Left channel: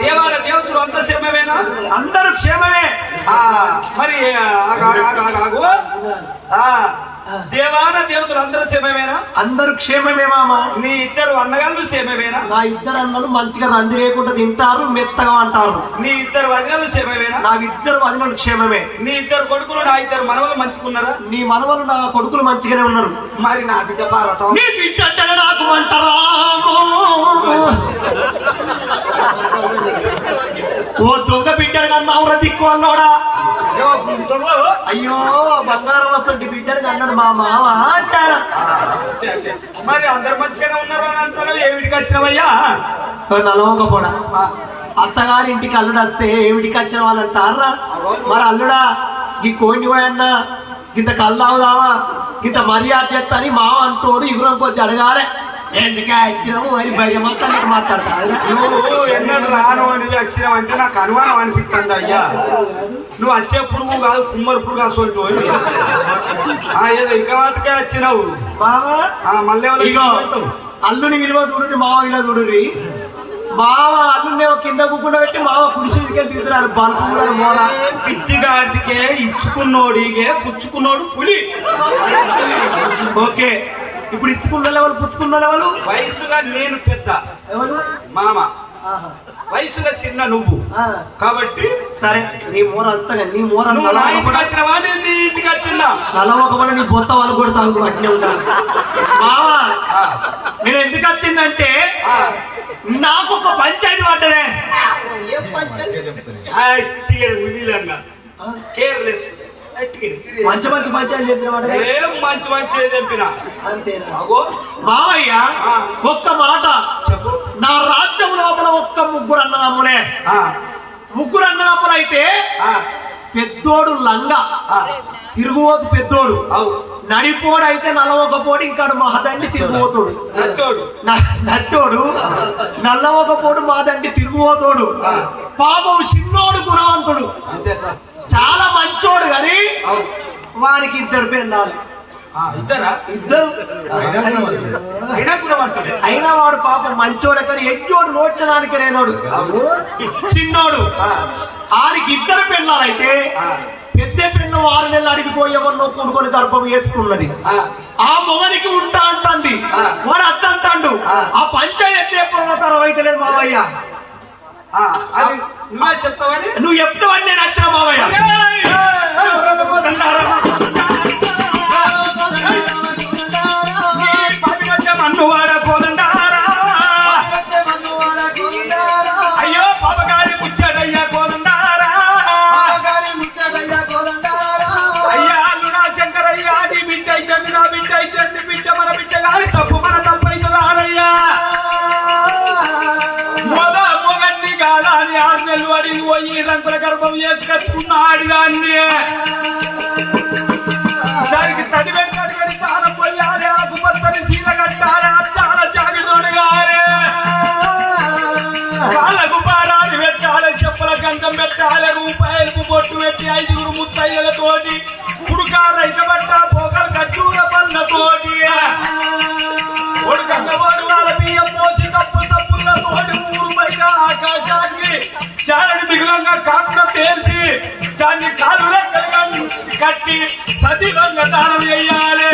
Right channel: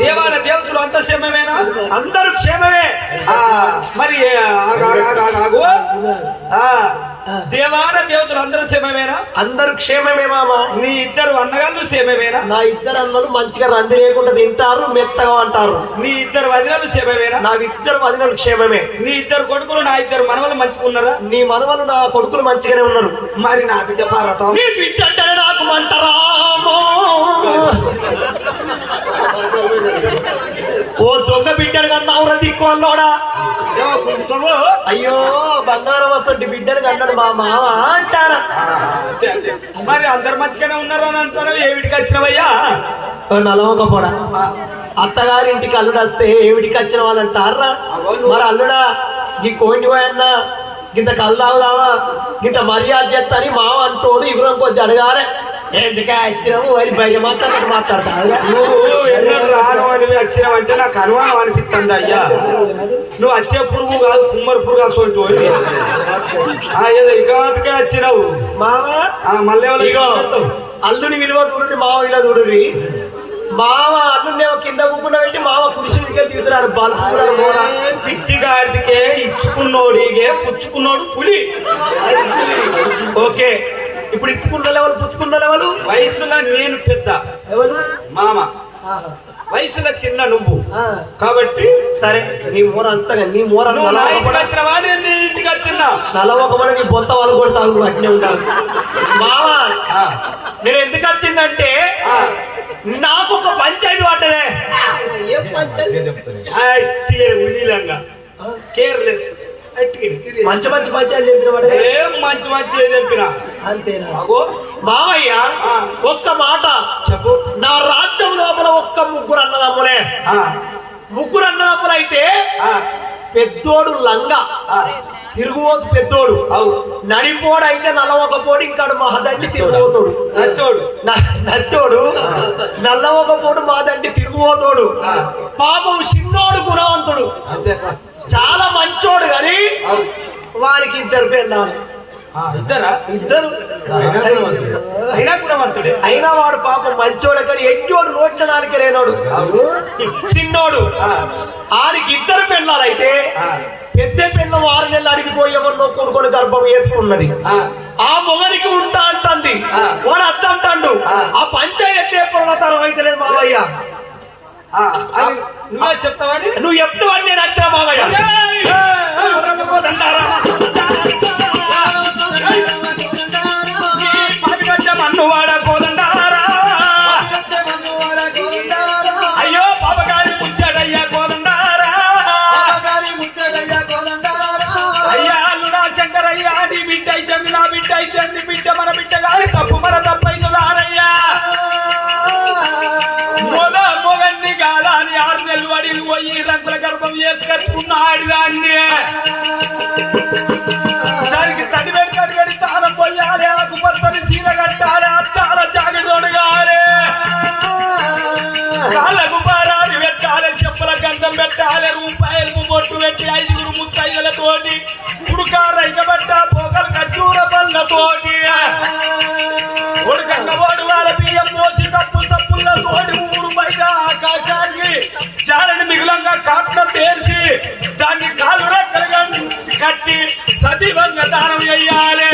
దేవాల దేవతలు అంత క్షేమమేనా? అందరూ క్షేమమే. ఆ మరి దేవాల దేవతలు అందరూ క్షేమమేనా? అందరూ క్షేమమే మామ. నీ ఇద్దరు అన్నగాళ్ళు క్షేమమేనా? నా ఇద్దరు అన్నలు మంచిగా రంది లేకుండా తింటారు మెత్తగా అంటారు. నీ ఇద్దరు వదినలు క్షేమమేనా? నా ఇద్దరు వదినలు క్షేమమే. నీ ఇద్దరు కొడుకులు నా ఇద్దరు మనవలు మంచుకున్నారా నీ మనవలు నా కొడుకులు మంచిగానే ఉన్నారు. మరి నా బిడ్డ పార్వతం నీ బిడ్డ నాకు మంటరా ఓ దొంగ అన్నోడా ఏమో గుంటుడు? అయ్యో బంగారం వస్తుంటే బిడ్డలు అన్నాడు మా మామ అంటారా. మరి అందరు మంచిగానే ఉన్నారు అని అంటున్నారు ఏమిటికి వచ్చినావయ్యా నలవక పోడా అత్తగారి ఇంటికి అల్లుడు వస్తే ఏమిటికి వచ్చిన వాళ్ళు అంటారా మరి అల్లుడా ఈ కోడిని పోయన్నా ఇంత కళ్ళు అవుదావా ఇంత మర్యాద చేస్తా అని మావ అంటోడు ఇవ్వడం కొద్ది అడగాలి ఎందుకే వచ్చినావు అని భయ మాత్రం మాట్లాడతారు నువ్వు ఎన్నెళ్ళు రాను అని వచ్చినావంటే నాకు అనుమానం అనిపిస్తుంది అయ్యా. నువ్వు వచ్చే పురుగు కాదు కుమ్మరి పురుగు అసలు ఏదో ఇకరాతకే వచ్చినావు. ఆ మళ్ళీ? అల్లుని విలువ చూడండి మావ విలువ చూడండి మావ అల్లుని కింద కుకుండా పెట్టి మావ పురుషుడికే దిగుతున్నాడు బల్పు కూడా మోరా పిచ్చి గాడికే ఇచ్చుకున్నోడిగే పుచ్చుకున్నోడు పులి. ఓకే. ఇప్పుడు ఇచ్చుకున్న వయసులో నేను పెద్ద. ఎవరు? మామ. వయసులో చిన్న నువ్వు. కాబట్టి సరే నీ మూర అంతగా నీ మూర నువ్వు నా ఇంటికి వచ్చినావా? నేను నీ ఇంటికి వచ్చినా. తల నీ పొత్త వాళ్ళు కొడతావు ఉంటాను ఆ, నేను ఎందుకు వచ్చిందంటే నాకు ఒక పంచాయతీ ఉలీలంగా కేర్లెస్. మంచి మంచి పంచాయతీ చెప్పిన వాడే ఏం మంచి మంచి చెప్పినా? అంతేనా? ఆ. ఒక్క మాట. చెప్పు. నా రాజ్యం లోపల ఒక్క ముగ్గురు అన్నదమ్ములే ముగ్గురు అన్నదమ్ములు అయితే ఆ, పెద్దోడు లంగా. తిరుగుబోతు పెద్దోడు. అవు. నడిపోడు అయితే నల్లవకపోడు ఇంకాడు మహదండి తిరుగుబోతుడు. నచ్చోడు. నచ్చోడు. నల్లవకపోడు మాదండి తిరుగుబోతుడు. ఆ. పాపం చిన్నోడు గుణవంతుడు. అంతే చాలా మంచోడు కానీ వారికి ఇద్దరు పెళ్ళాలి ఆ, ఇద్దరా? ఇద్దరు. అయినా వాడు పాపం మంచోడు కానీ ఎట్టోడు రోడ్చడానికి లేనోడు. చిన్నోడు. ఆడికి ఇద్దరు పెళ్ళాలైతే పెద్ద పెళ్ళం ఆరు నెలలు అడిగిపోయి ఎవరినో కొడుకొని గర్భం వేసుకున్నది. ఆ, మొగనికి ఉంటా అంటుంది. వాడు అత్త అంటాడు ఆ. పంచాయతీ ఎప్పుడు తరం అయితే లేదు మావయ్య? నువ్వే చెప్తావని నువ్వు చెప్తావు అని? నేను వచ్చా మావయ్య. పోయి రంగుల గర్భం చేసుకొచ్చుకున్న ఆడిదాన్ని దానికి తడివెడి తడివెడి తాళం పోయాలి ఆకుపచ్చని చీర కట్టాలి అట్టాల జాగిదోడు కాలే కాళ్ళకు పారాలు పెట్టాలి చెప్పుల గంధం పెట్టాలి రూపాయలకు బొట్టు పెట్టి ఐదుగురు ముత్తయ్యలతోటి ఉడుకా రైతబట్ట పోకలు కట్టూర పళ్ళతోటి కట్టి సజీవంగా దానం చేయాలి.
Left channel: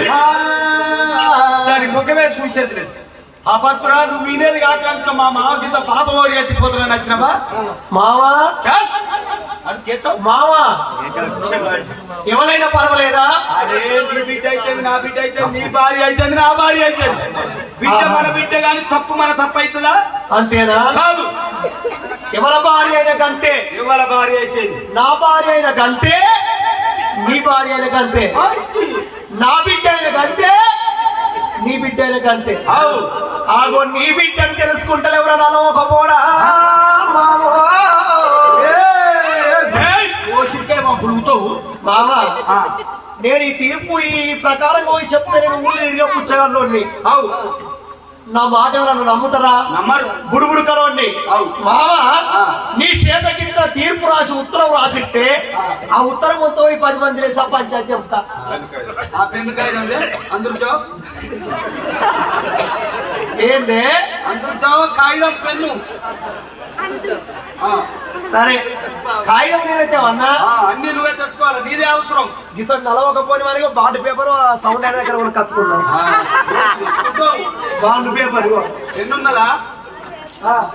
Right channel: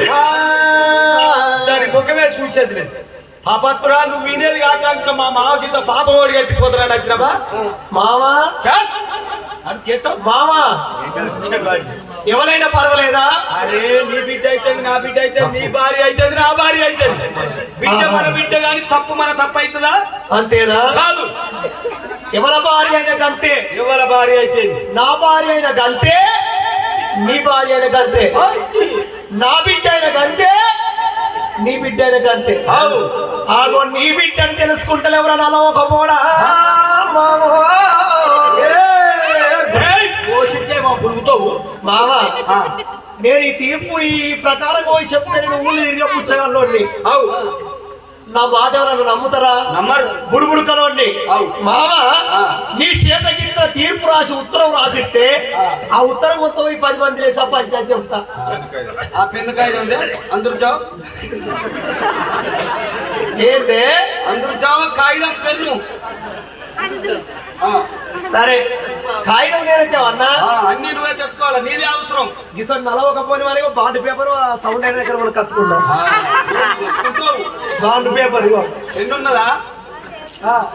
దాని ముఖమే చూసేది లేదు. అపత్తురా నువ్వు వినేది కాక మా మామ కింద పాప ఓడి కట్టిపోతున్నా నచ్చినవా? మావా? మావా? ఎవరైనా పర్వాలేదా? అరే నీ బిడ్డ అయితే నా బిడ్డ అయితే నీ భార్య అయితే నా భార్య అయితే. బిడ్డ మన బిడ్డ గాని తప్పు మన తప్పు అవుతుందా? అంతేనా? కాదు. ఎవరి భార్య అయిన గంతే. ఎవరి భార్య అయితే? నా భార్య అయిన గంతే. నీ భార్య గంతే నా బిడ్డ గంతే నీ బిడ్డ అవు ఆగో నీ బిడ్డ అని తెలుసుకుంటారు ఎవరన్నా ఒక పోడా పోషిస్తేమో పురుగుతావు మామా నేను ఈ తీర్పు ఈ ప్రకారం పోయి చెప్తే నేను ఊళ్ళు తిరిగే పుచ్చగాల్లోని అవు నా మాట నన్ను నమ్ముతారా? నమ్మరు. బుడుబుడు కలవండి. మామ. నీ చేతకింత తీర్పు రాసి ఉత్తరం రాసిస్తే ఆ. ఉత్తరం మొత్తం ఈ పది మంది వేసా పంచాయతీ చెప్తా. అందరు జావు ఏందే? అందరు జావు కాగితం పెన్ను. సరే కాగితం నేనైతే అన్నా అన్ని నువ్వే తెచ్చుకోవాలి? నీదే అవసరం. గిసన్ నలవకపోయిన వారికి బాండ్ పేపర్ సౌండ్ అయిన దగ్గర మనం కచ్చుకున్నా. Bond paper పెన్నున్నదా?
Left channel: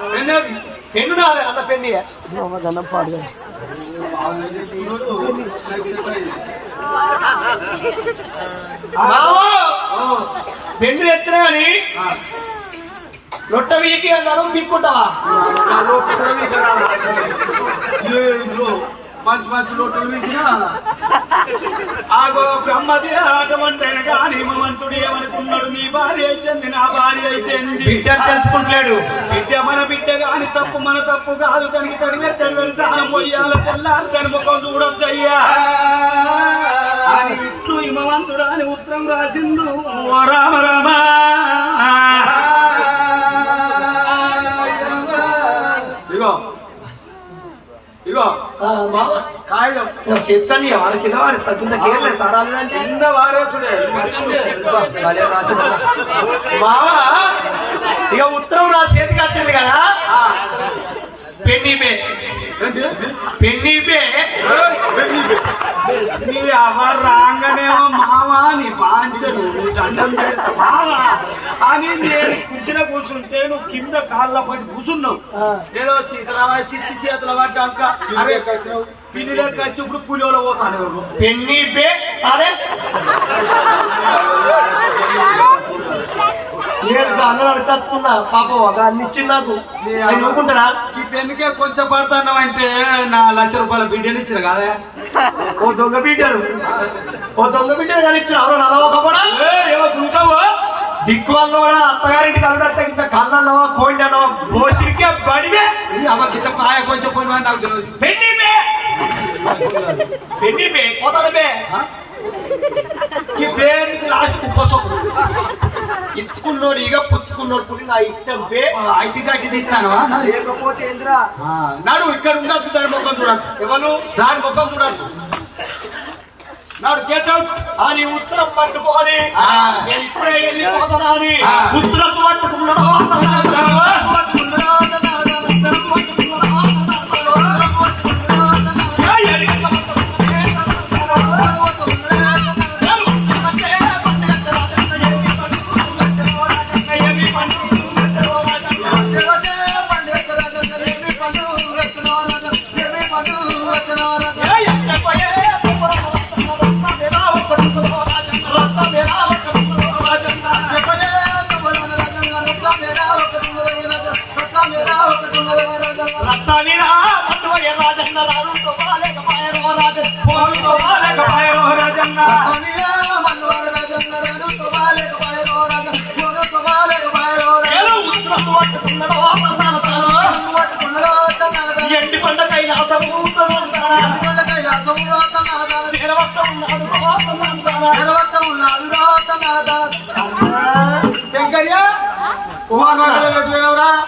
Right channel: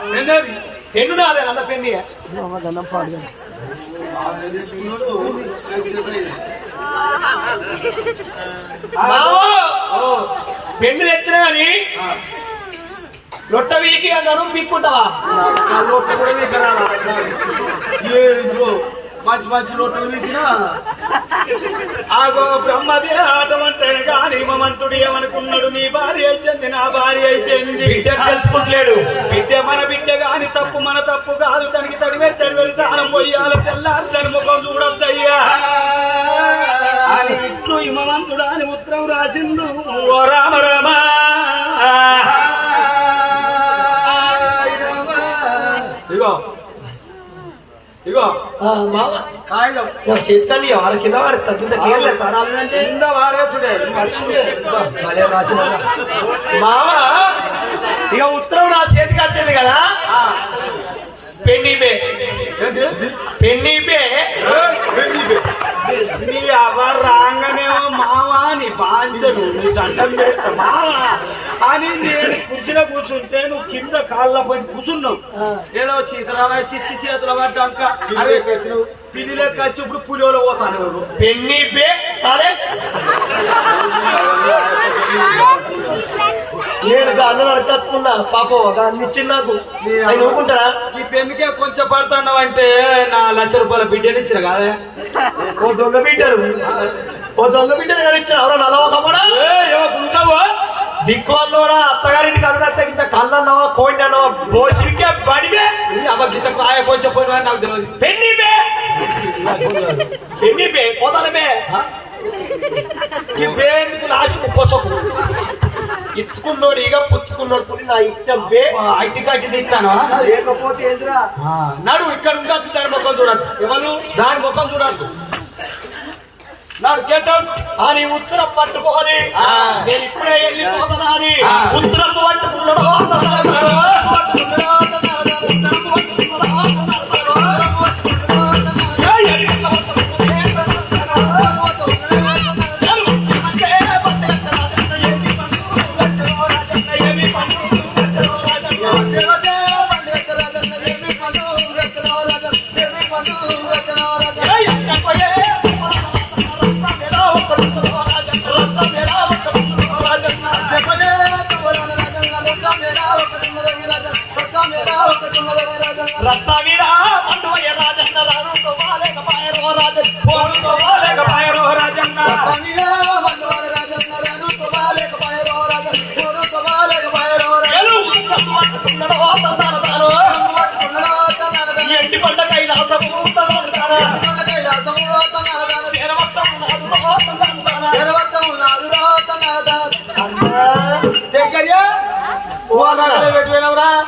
పెన్నది. ఎన్ను నాదే అన్న పెన్ని గంధం పాడు పెన్ను తెచ్చినా కానీ లొట్ట వీకి అన్నాను పీక్కుంటావా మంచి మంచి లోటలు వీకినా ఆగో బ్రహ్మది ఆటమంటే కానీ మమంతుడు ఏమనుకున్నాడు? నీ భార్య అయితే నా భార్య అయితే బిడ్డ తెలుసుకుంటలేడు బిడ్డ మన బిడ్డ కాని తప్పు మన తప్పు కాదు. తనకి తడిగడి తడిగడి తాళం పోయాలి. తెల్లారి ముఖం చూడొద్దయ్యా. అని ఇట్లు హిమవంతుడు అని ఉత్తరం రాసిండు. ఓ రామ రామ. కాగితం. చెప్తాను వాళ్ళ కింద వారి తగ్గింద కేర్లే సారాలు అంటే? కింద వారేసుడే మామ ఇక ఉత్తరం నా చేతికి వచ్చింది కదా. పెన్ని పే పెన్ని పే నీ ఎవరు రాగానేమో మావా నీ బాంచలు నీ దండం అని నేను కూర్చుని కూర్చుంటే నువ్వు కింద కాళ్ళ పడి కూర్చున్నావు. ఏదో శీతల సిత్తి చేతుల పడ్డాక అరే పిల్లిలే వచ్చి ఇప్పుడు పులిలో పోతాను. ఎవరు పెన్ని పే సరే నేను అన్నం అడగచ్చుకున్నా పాపం ఒక అన్ని ఇచ్చింది నాకు. ఆయన ఊరుకుంటాడా ఈ పెన్నుకే కొంచెం పడతాను అంటే నా లక్ష రూపాయల బిడ్డని ఇచ్చిన కాదే? ఓ దొంగ బిడ్డలు. ఓ దొంగ బిడ్డలు కానీ ఇచ్చారు. ఎవరో నలవకపోడా? ఏ, ఏమో ఉంటావా దిక్కు వాళ్ళు కూడా అత్తగారింటికి అల్లుడస్తే ఇంత కసనవా కోండనవా బోసిరికే బడిగే అమ్మ గిట్ట కాయ కొంచెం పోయినా నాకు తెలియదు. పెన్ని పే. పెన్ని ఇచ్చుకున్నోడు ఇక పుచ్చుకున్నోడు పుట్టి నా ఇష్టం పే ఐటీ కట్టి తీస్తాను. లేకపోతే ఏంద్రా? నాడు ఇక్కడ ఉండదు దాని ముఖం చూడదు ఎవరు? దాని ముఖం చూడదు నాడు అవుట్ అని ఉత్తరం పట్టుకోని ఆ. నేను ఇప్పుడే వెళ్ళిపోతానా అని. ఉత్తరం పట్టుకున్నాడు.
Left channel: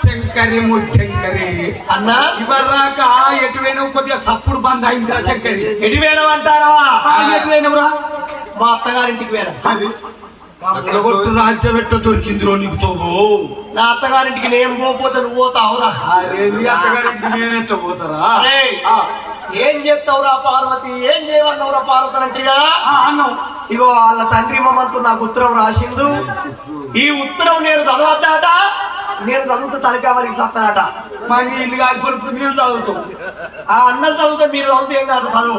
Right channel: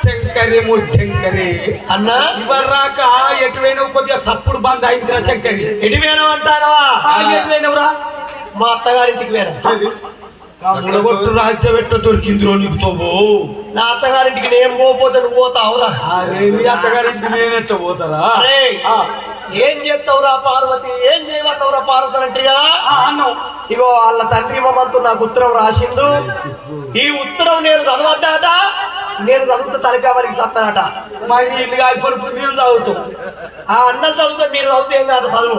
శంకరి ముట్టంకరి అన్నా? ఇవర్రాక ఎటువైనా కొద్దిగా సప్పుడు బంద్ అయిందిరా శంకరి. వేయమంటారా ఆ, ఎటువైనవురా? మా అత్తగారింటికి వేరు కమ్మగొట్టు రాజ్యం ఎట్ట దొరికిందిరో నీకు తోబో. నా అత్తగారింటికి నేను పోతే నువ్వు పోతావురా? అరే నీ అత్తగారికి నేనెట్ట పోతారా? ఏం చేస్తావురా పార్వతి? ఏం చేయమన్నావురా పార్వతి అంటే ఆ, అన్నావు. ఇగో వాళ్ళ తండ్రి మమ్మల్తో నాకు ఉత్తరం రాసిండు. ఈ ఉత్తరం నేను చదవద్దాట నేను చదువుతా తలకామలికి సత్తానట. మా ఇల్లు కాకపోతే మేము చదువుతాం. ఆ అన్నం చదివితే మీరు చదివితే ఏం కాదు చదువు.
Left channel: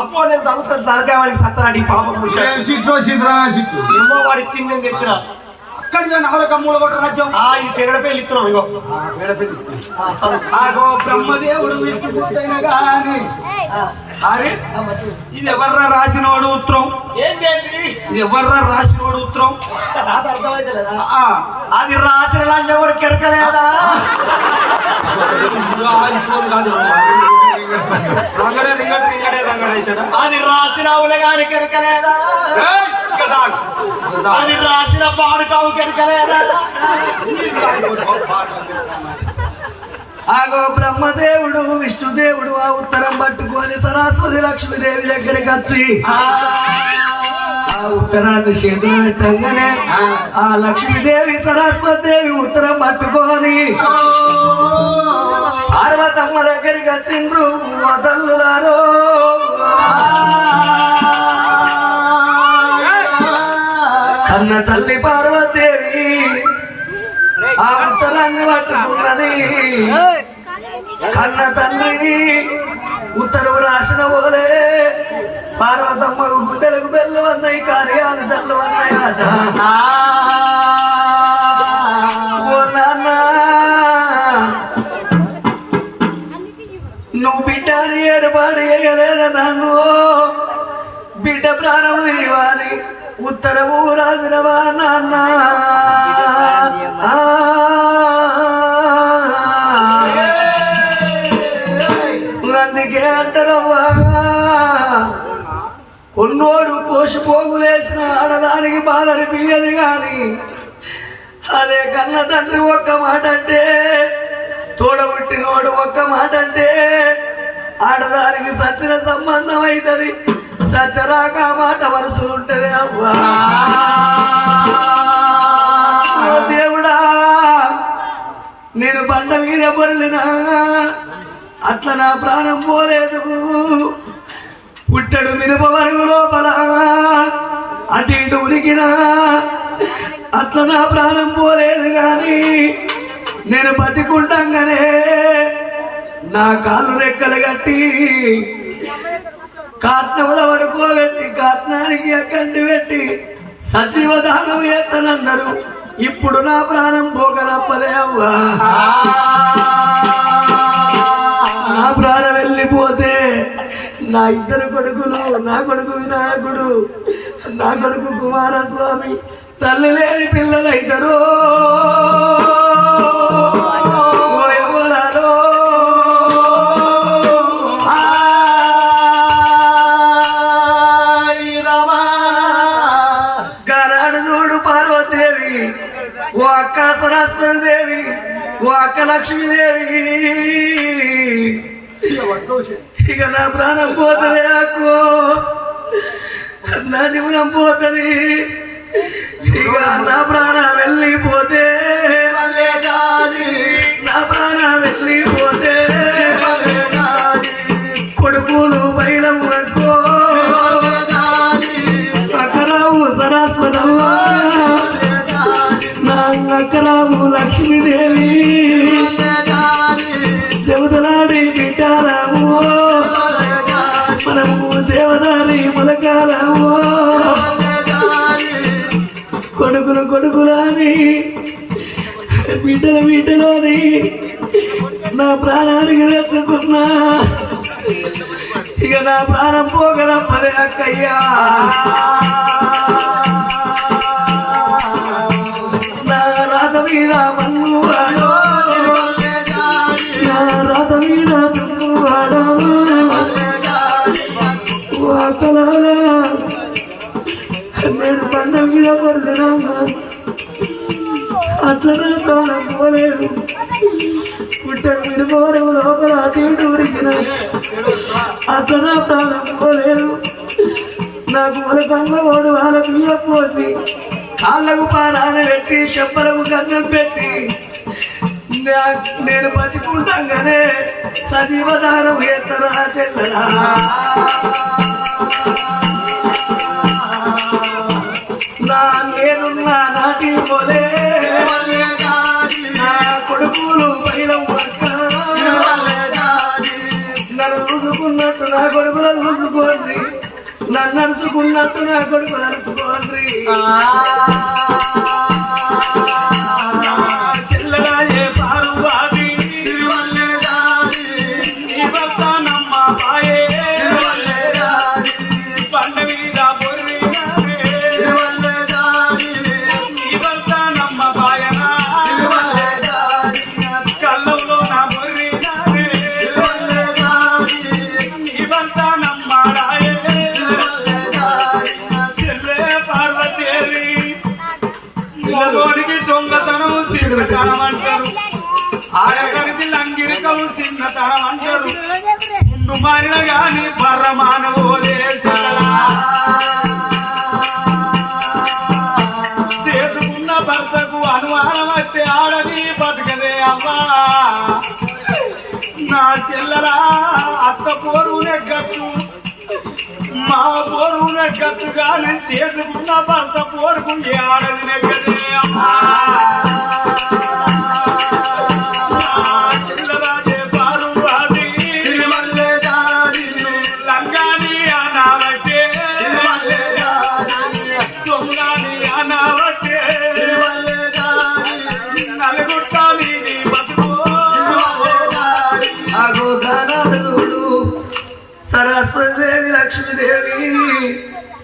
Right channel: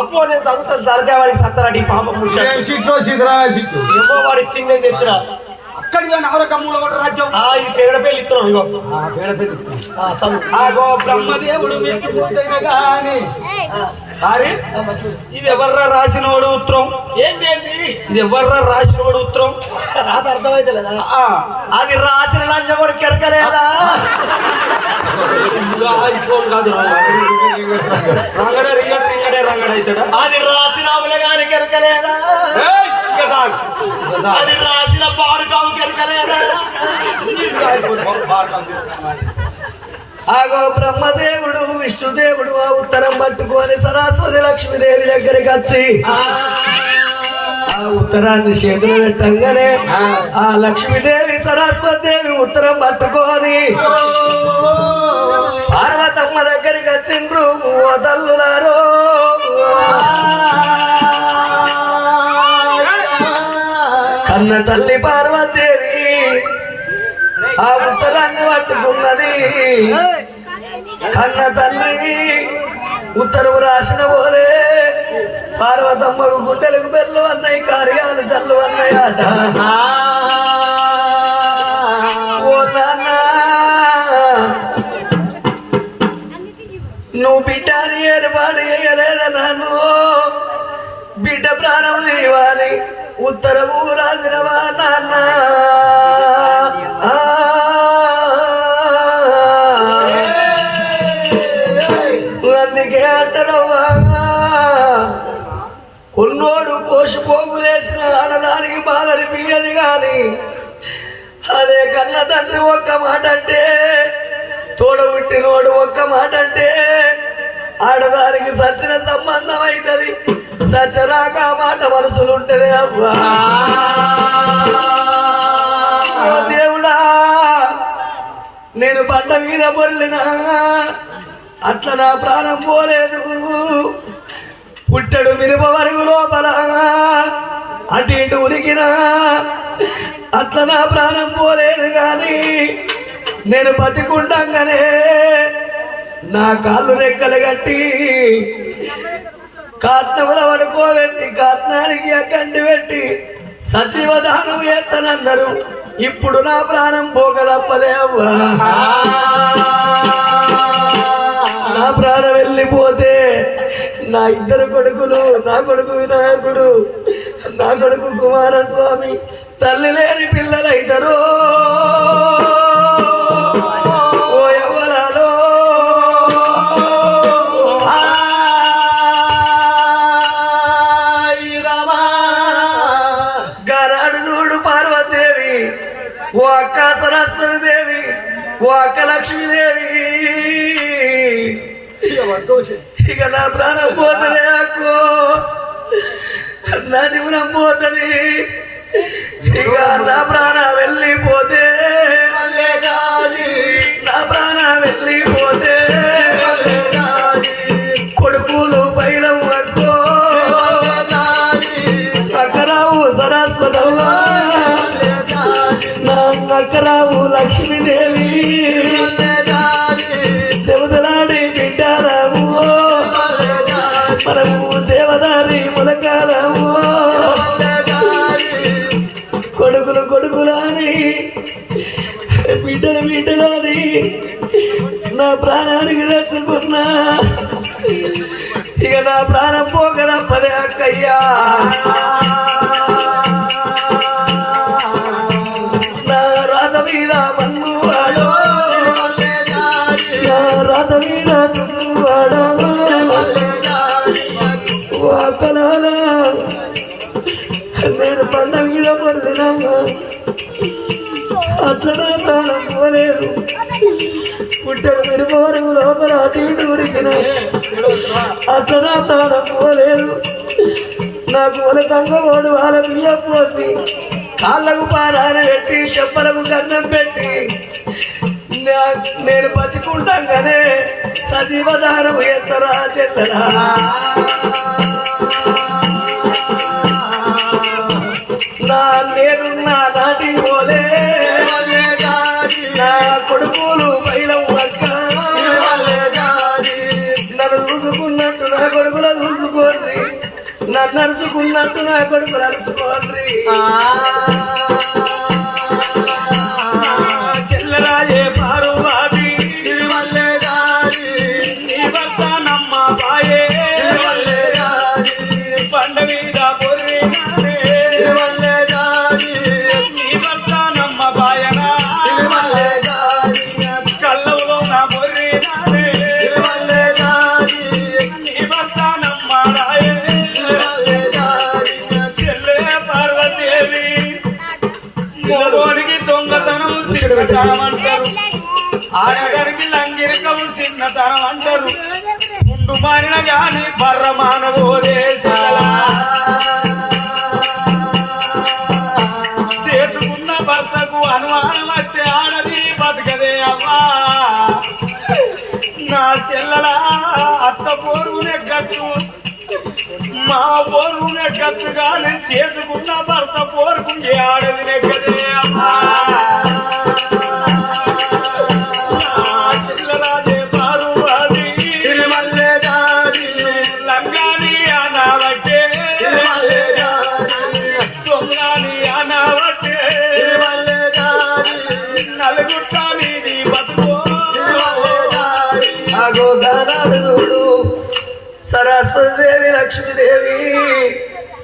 అప్పో నేను చదువుతాను తలకామలికి సత్తానట ఈ పాపం ఏమో వాడు ఇచ్చింది నేను తెచ్చిన. అక్కడిగా నవరక మూలగొట్ట రాజ్యం ఆ ఈ తేగడ పేర్లు ఇస్తున్నాం ఇగో బ్రహ్మదేవుడు గాని అరే ఇది ఎవర్రా రాసినవాడు ఉత్తరం ఏంటండి ఇది ఎవర్రా రాసినవాడు ఉత్తరం రాత అర్థమైతే లేదా ఆ, అది రాసిన లంచం కూడా కెరకలేదా? అది రాసిన అవుల గారి కెరకలేదా. అది రాసిన పాడుకావు ఆగో బ్రహ్మదేవుడు విష్ణుదేవుడు ఆ ఉత్తరం పట్టుకొని సరస్వతి లక్ష్మీదేవి దగ్గరికి వచ్చి ఆ ఉత్తరాన్ని చేతులు పెట్టంగానే ఆ. లక్ష్మీదేవి సరస్వతి దేవి ఉత్తరం పట్టుకొని పార్వతమ్మ దగ్గరికి వచ్చిండ్రు మూవతల్లులారో అన్న తల్లి పార్వతీదేవి ఆ ఉత్తరాన్ని పట్టుకున్నది. అన్న తల్లి ఉత్తరవు రాసిన పోలే. పార్వతమ్మ గుండెలకు బెల్లు అన్నయ్య కార్యాలు చల్లు అన్నయ్య పోగు కోసిపోగులేసిన ఆడదానికి బాధ అనిపించదు గాని అదే కన్న తండ్రి ఒక్క మాట అంటే తోడబుట్టినోడు ఒక్క మాట అంటే ఆడదానికి సచ్చిన సంబంధం అవుతుంది సచ్చరాక మాట వరుసలు ఉంటుంది అవ్వా. దేవుడా నేను బండ మీద పొల్లినా అట్లా నా ప్రాణం పోలేదు. పుట్టడు మిరప వరుగు లోపల. అటు ఇటు ఉరికినా. అట్లా నా ప్రాణం పోలేదు కానీ నేను బతికుంటాగానే. నా కాళ్ళు రెక్కలు కట్టి కాట్నముల పడుకోబెట్టి కాట్నానికి అక్కడి పెట్టి సచివధానం దానం ఎత్తనందరు ఇప్పుడు నా ప్రాణం పోగలప్పదే అవ్వా. నా ప్రాణం వెళ్ళిపోతే నా ఇద్దరు కొడుకులు నా కొడుకు వినాయకుడు నా కొడుకు కుమారస్వామి. తల్లి లేని పిల్లలు ఇద్దరు. ఓ అక్క సరస్వతి దేవి ఓ అక్క లక్ష్మీదేవి. ఇక నా ప్రాణం పోతుంది నాకు. నా జీవనం పోతుంది. ఇక నా ప్రాణం వెళ్ళిపోతే నేను పండుగ పడినాము అట్లా ప్రాణం పోలేదు పుట్టెల మీరు లోపల తీడు ఉరికిన. అతను ప్రాణం పోలేదు నాకు మూలకంగా ఓడు వాళ్ళ బియ్యం పోసి కాళ్ళకు పారాలు పెట్టి చెప్పలకు గన్నం పెట్టి నేను బతికుంటాం కదే. సజీవదానం ఎత్తరా చెల్లరా. దొంగతనం చిన్నతనం అంటారు ఆడగారికి చిన్నతనం అంటారు. ముందు మారిన గాని పర్ర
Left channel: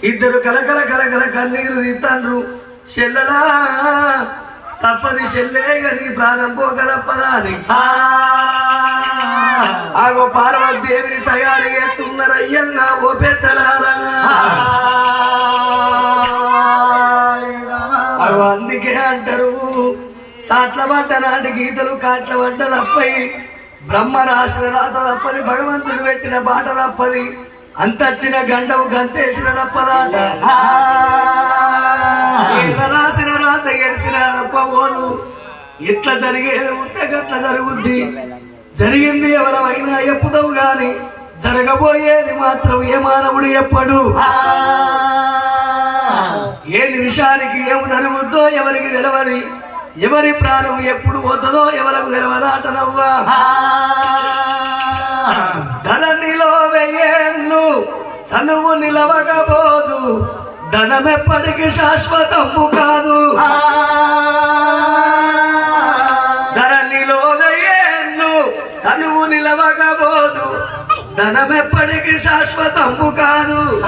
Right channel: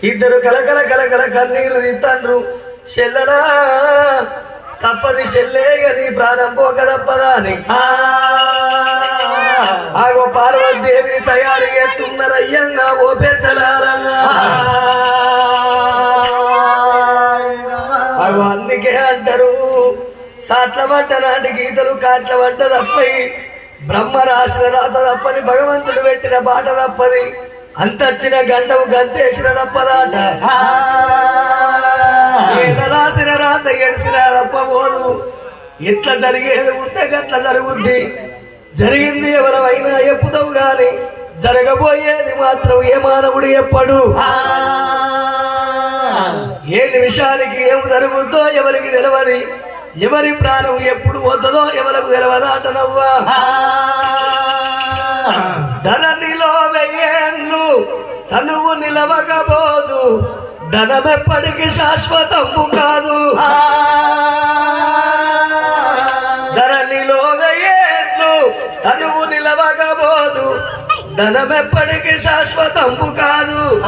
ఇద్దరు కలకల కలకల కన్నీరు తీస్తాండ్రు చెల్లలా తప్పది చెల్లే గని ప్రాణం పోక తప్పదా అని ఆగో పార్వతి దేవిని తయారు చేస్తున్నారయ్యన్నా ఓ పెద్దలాలన్నా. అందుకే అంటారు సాట్ల వంట నాటి గీతలు కాట్ల వంట తప్పై బ్రహ్మ రాసిన రాత తప్పది భగవంతుడు పెట్టిన బాట తప్పది. అంతచ్చిన గండవు గంతేసిన తప్పదాట ఈయన రాసిన రాత ఎడిసిన తప్పబోదు ఎట్లా జరిగేది ఉంటే గట్ల జరుగుద్ది. జరిగింది ఎవరైనా ఎప్పుదావు గాని జరగబోయేది మాత్రం ఏ మానవుడు ఎప్పడు? ఏ నిమిషానికి ఏం జరుగుద్దో ఎవరికి తెలియదు ఎవరి ప్రాణం ఎప్పుడు పోతుందో ఎవరికి తెలియదాటనవ్వా ధననిలో వెయ్యేళ్ళు తనువు నిలవకపోదు. ధనమెప్పటికి శాశ్వతము కాదు. ధరణిలో వెయ్యేళ్ళు తనువు నిలవకపోదు. ధనమెప్పటికి శాశ్వతము కాదు.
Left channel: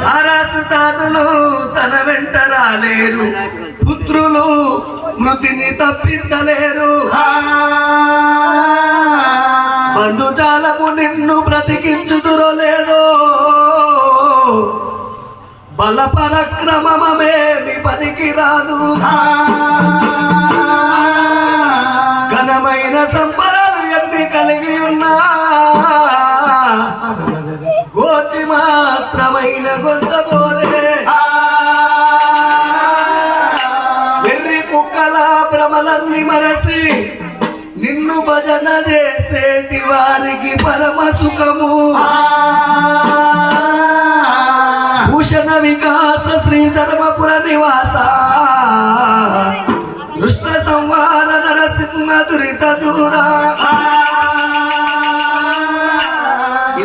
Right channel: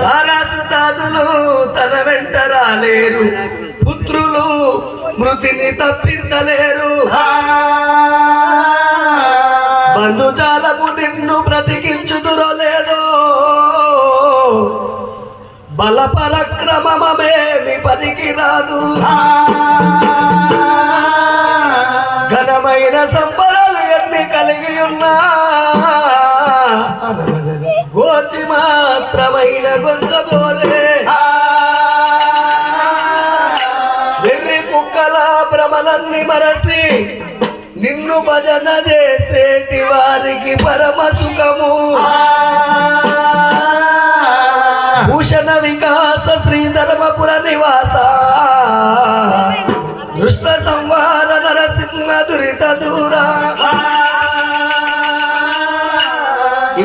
తారాసు తాతులు తన వెంట రాలేరు. పుత్రులు మృతిని తప్పించలేరు క్రమమే విపదికి రాదు.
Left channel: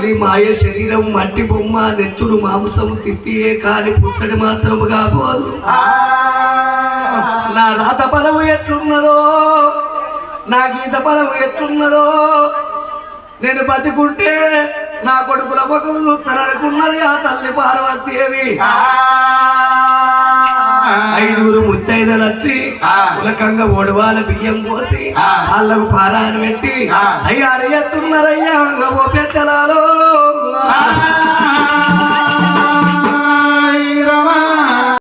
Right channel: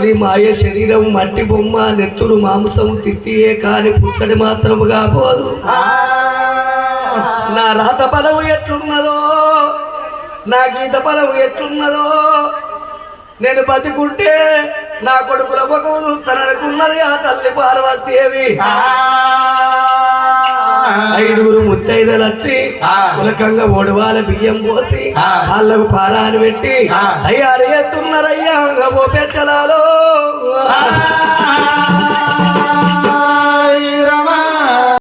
ఇది మాయ శరీరం మట్టి బొమ్మ నెత్తురు మాంసం తిత్తియే కాని పుత్తడి మాత్రముగా పోదు. నా రాత బలము ఎట్లున్నదో నా గీత బలము ఎట్లున్నదో నేను బతికుంటే నా కొడుకుల ముఖము తనకున్నది ఆ తల్లి పార్వతీదేవి ఐదుగురు ముత్తైదలు వచ్చి ఉలకంగా ఒడవాల బియ్యం పోసి వాళ్ళకు పారాలు పెట్టి అయ్యా ఎత్తున్నారయ్యా ఓ పెద్దలా